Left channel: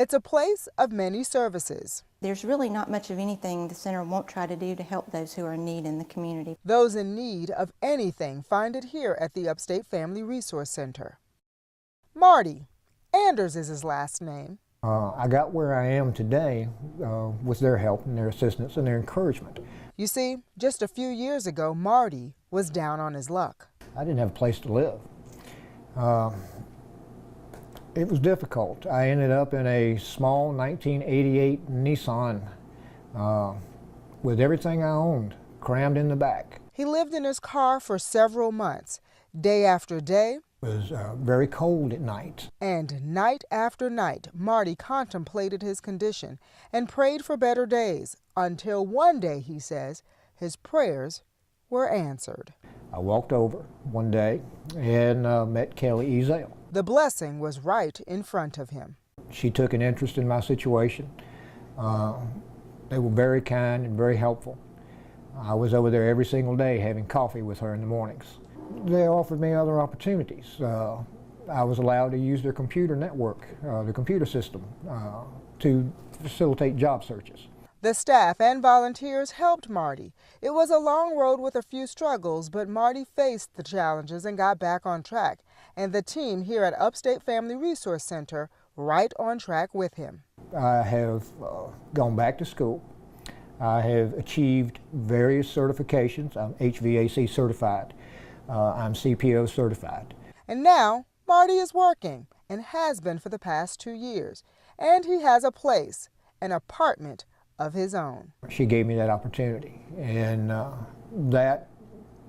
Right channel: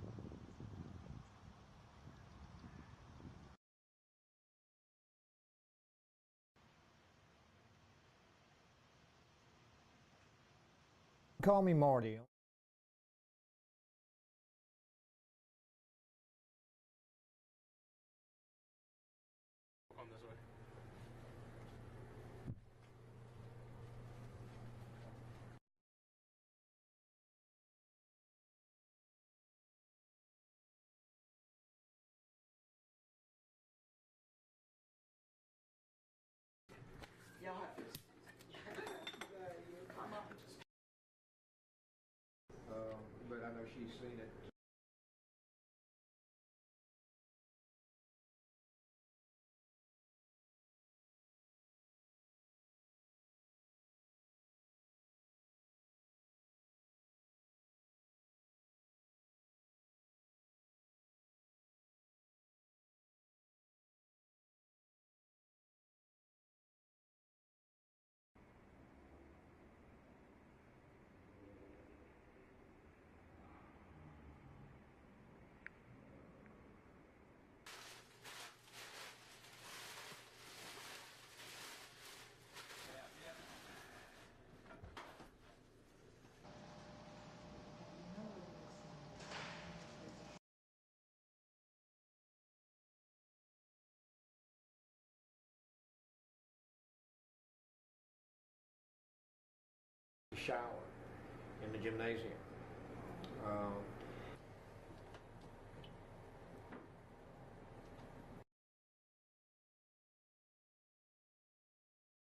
It's a place of many services. There's really not much of anything the center won't try to do to help those who are in need in the community. Those in need of anything find it here at the Upstate Family Resource Center. Call me Marty. Marty. Anders is his last name. I got where I am today with their help and their assistance and their encouragement. You see, just a few years ago, Marty was down on his luck. I didn't have a place to live. It was difficult. I ended up in a small 1988 Nissan with everything I owned crammed in the back. He lived in his car for several months, day after day. It was very cold at night. And night after night, Marty contemplated his condition and prayed for better days until one day, he says, his prayers were answered. I walked over one day and met Kelly Ezel. The blessing was right in front of him. She took an interest in my situation. They were very kind and very helpful. I was over there every single day having coffee with her in the mornings. They offered me other opportunities. I was allowed to use their computer network, the computer system, to facilitate job searches. The staff and volunteers helped Marty. It was a long road with a few struggles, but Marty faced the challenges and got back on track. And the team here at Upstate Family Resource Center right on track with him. I have gone back to school. I have achieved various certifications. I'm HVAC certified. I'm CPO certified. And now Marty is working and has been for the past 2 years. And he has a place, an apartment of his own. She gave me that opportunity, and that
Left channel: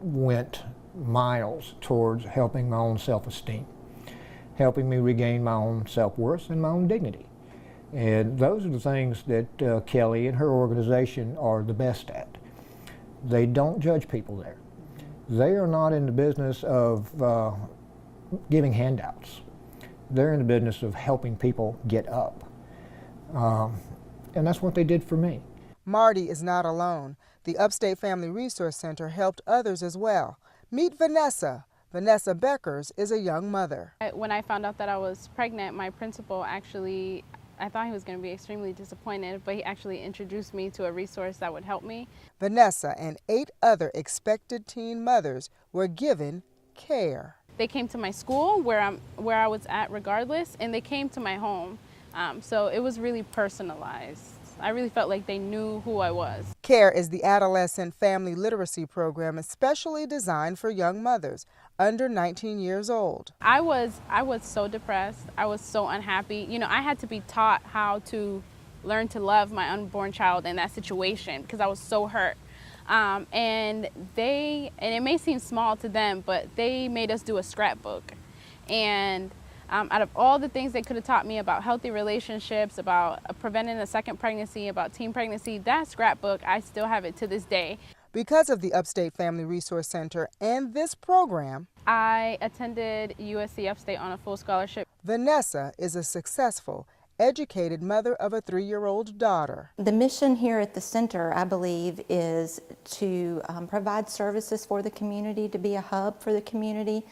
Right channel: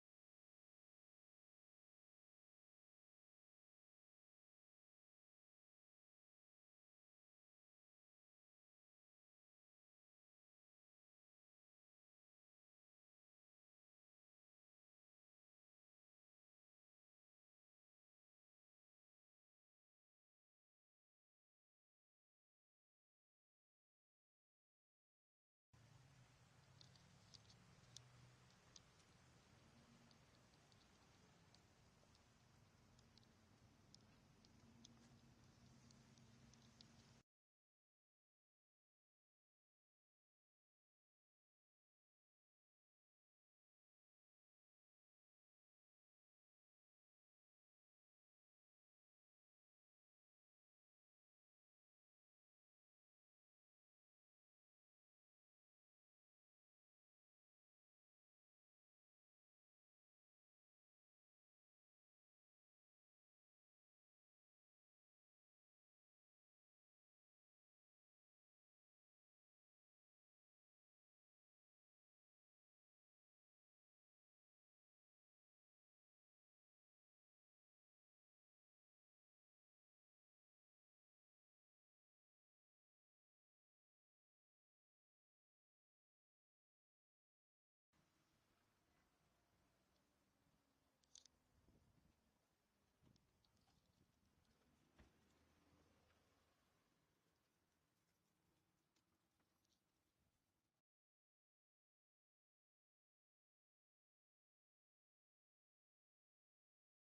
went miles towards helping my own self-esteem, helping me regain my own self-worth and my own dignity. And those are the things that Kelly and her organization are the best at. They don't judge people there. They are not in the business of giving handouts. They're in the business of helping people get up. And that's what they did for me. Marty is not alone. The Upstate Family Resource Center helped others as well. Meet Vanessa. Vanessa Beckers is a young mother. When I found out that I was pregnant, my principal actually, I thought he was going to be extremely disappointed, but he actually introduced me to a resource that would help me. Vanessa and 8 other expected teen mothers were given care. They came to my school where I was at regardless, and they came to my home. So it was really personalized. I really felt like they knew who I was. CARE is the adolescent family literacy program especially designed for young mothers under 19 years old. I was so depressed. I was so unhappy. You know, I had to be taught how to learn to love my unborn child in that situation because I was so hurt. And it may seem small to them, but they made us do a scrapbook. And out of all the things they could have taught me about healthy relationships, about preventing a second pregnancy, about teen pregnancy, that scrapbook, I still have it to this day. Because of the Upstate Family Resource Center and this program, I attended USC Upstate on a full scholarship. Vanessa is a successful, educated mother of a 3-year-old daughter. The mission here at the center, I believe, is to provide services for the community, to be a hub for the community,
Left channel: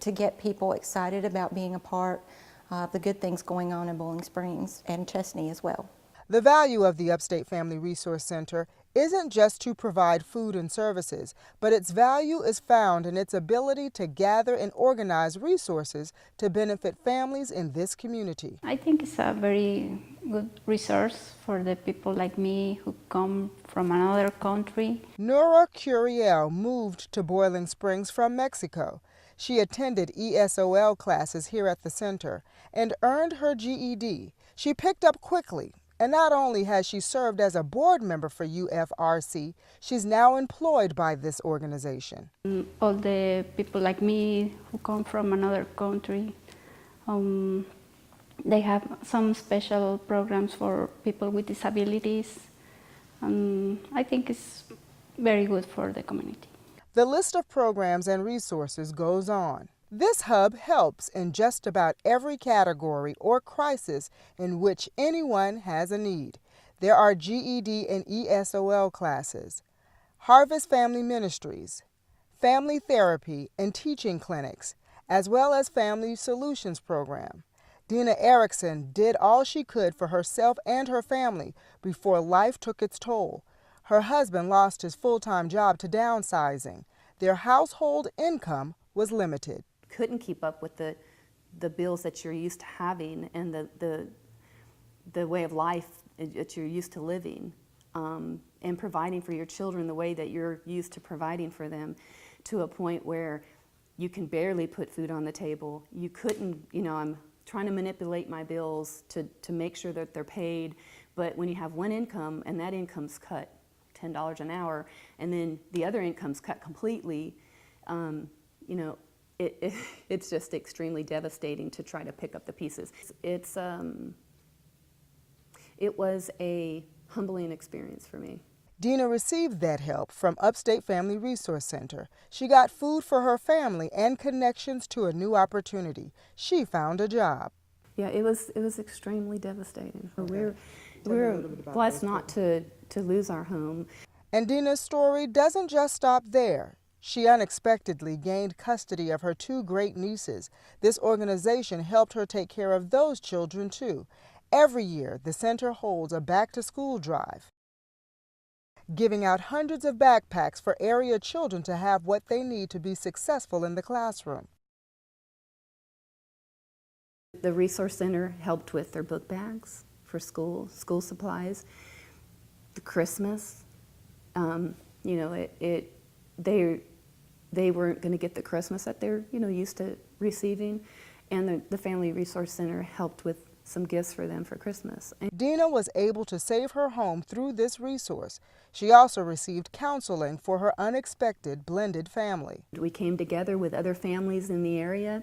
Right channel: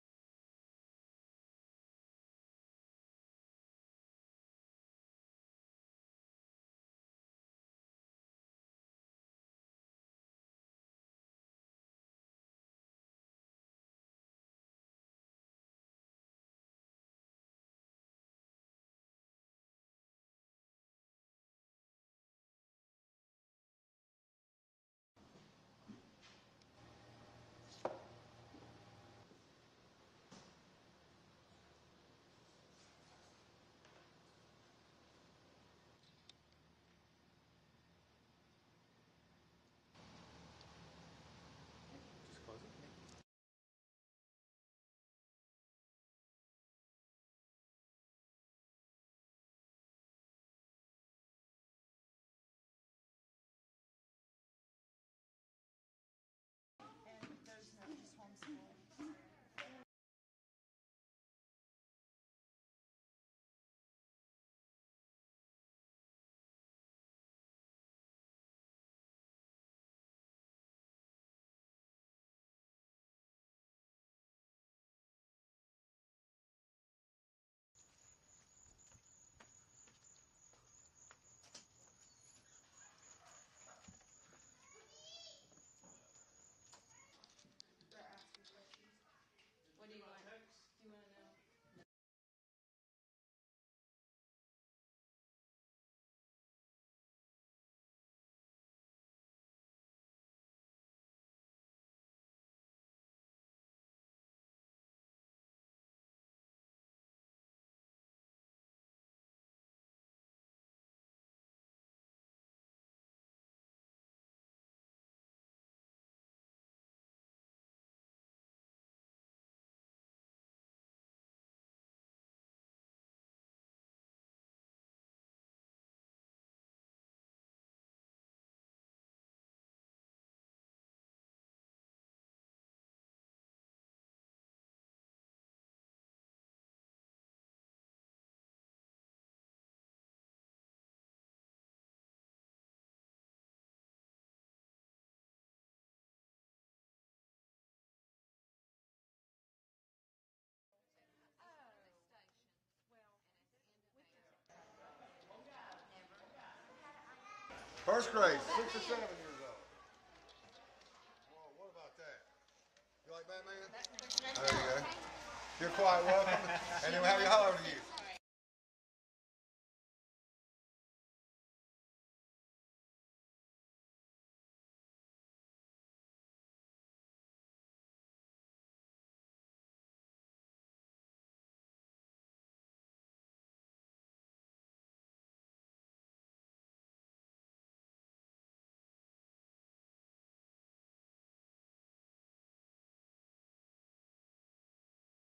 to get people excited about being a part of the good things going on in Bowling Springs and Chesnee as well. The value of the Upstate Family Resource Center isn't just to provide food and services, but its value is found in its ability to gather and organize resources to benefit families in this community. I think it's a very good resource for the people like me who come from another country. Nora Curiel moved to Boiling Springs from Mexico. She attended ESOL classes here at the center and earned her GED. She picked up quickly, and not only has she served as a board member for UFRC, she's now employed by this organization. All the people like me who come from another country, they have some special programs for people with disabilities. I think it's very good for the community. The list of programs and resources goes on. This hub helps in just about every category or crisis in which anyone has a need. There are GED and ESOL classes, Harvest Family Ministries, family therapy and teaching clinics, as well as Family Solutions Program. Dina Erickson did all she could for herself and her family before life took its toll. Her husband lost his full-time job to downsizing. Their household income was limited. Couldn't keep up with the bills that you're used to having and the way of life that you're used to living, and providing for your children the way that you're used to providing for them, to a point where you can barely put food on the table. You couldn't, I'm trying to manipulate my bills to make sure that they're paid, but when you have one income and that income's cut $10 an hour, and then the other income's cut completely, it's just extremely devastating to try to pick up the pieces. It was a humbling experience for me. Dina received that help from Upstate Family Resource Center. She got food for her family and connections to a new opportunity. She found a job. Yeah, it was extremely devastating. Okay. We're blessed not to lose our home. And Dina's story doesn't just stop there. She unexpectedly gained custody of her two great nieces. This organization helped her take care of those children too. Every year, the center holds a back-to-school drive, first grade, giving out hundreds of backpacks for area children to have what they need to be successful in the classroom. You're quite welcome. And then we'll have your holiday. The Resource Center helped with their book bags for school supplies, the Christmas. They weren't going to get the Christmas that they're used to receiving, and the Family Resource Center helped with some gifts for them for Christmas. Dina was able to save her home through this resource. She also received counseling for her unexpected blended family. We came together with other families in the area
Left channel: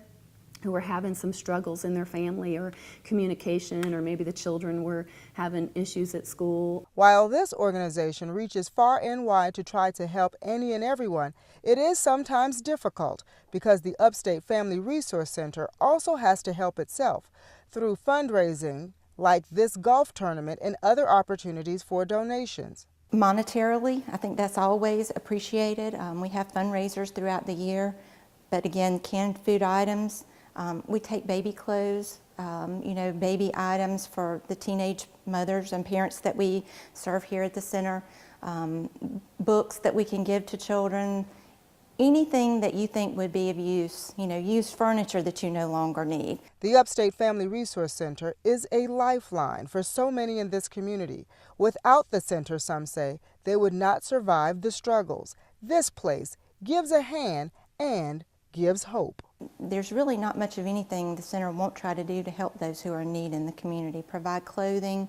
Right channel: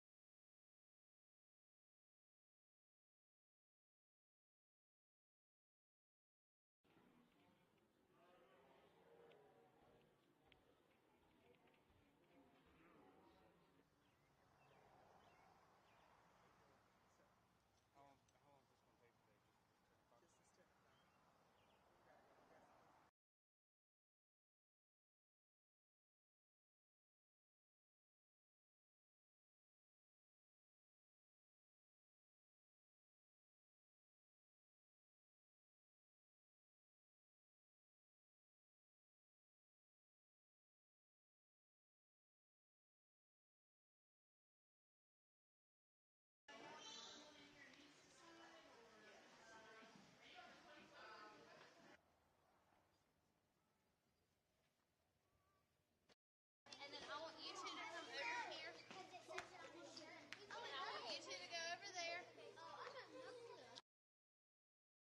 who were having some struggles in their family or communication, or maybe the children were having issues at school. While this organization reaches far and wide to try to help any and everyone, it is sometimes difficult because the Upstate Family Resource Center also has to help itself through fundraising like this golf tournament and other opportunities for donations. Monetarily, I think that's always appreciated. We have fundraisers throughout the year, but again, canned food items. We take baby clothes, baby items for the teenage mothers and parents that we serve here at the center, books that we can give to children, anything that you think would be of use, used furniture that you no longer need. The Upstate Family Resource Center is a lifeline for so many in this community. Without the center, some say, they would not survive the struggles. This place gives a hand and gives hope. There's really not much of anything the center won't try to do to help those who are in need in the community. Provide clothing.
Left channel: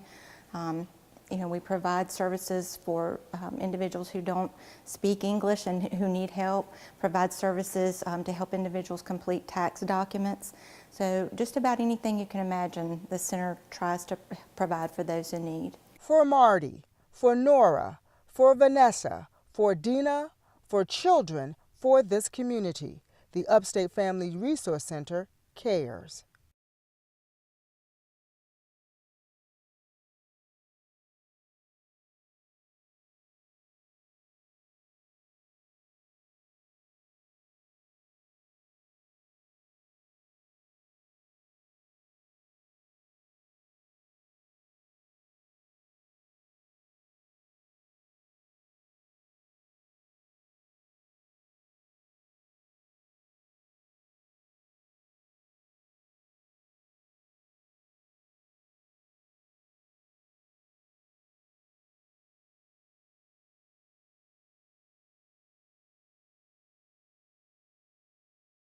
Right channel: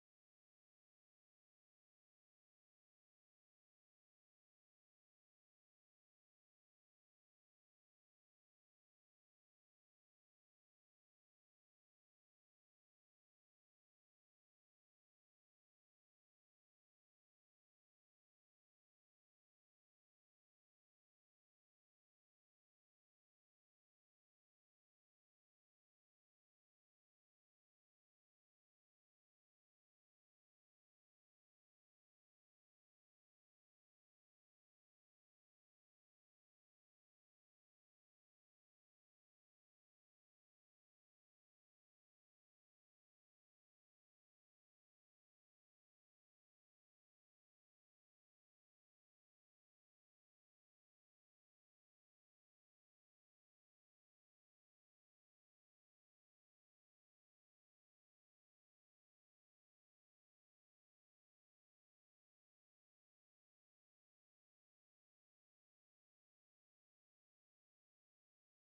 We provide services for individuals who don't speak English and who need help. Provide services to help individuals complete tax documents. So just about anything you can imagine, the center tries to provide for those in need. For Marty, for Nora, for Vanessa, for Dina, for children, for this community, the Upstate Family Resource Center cares.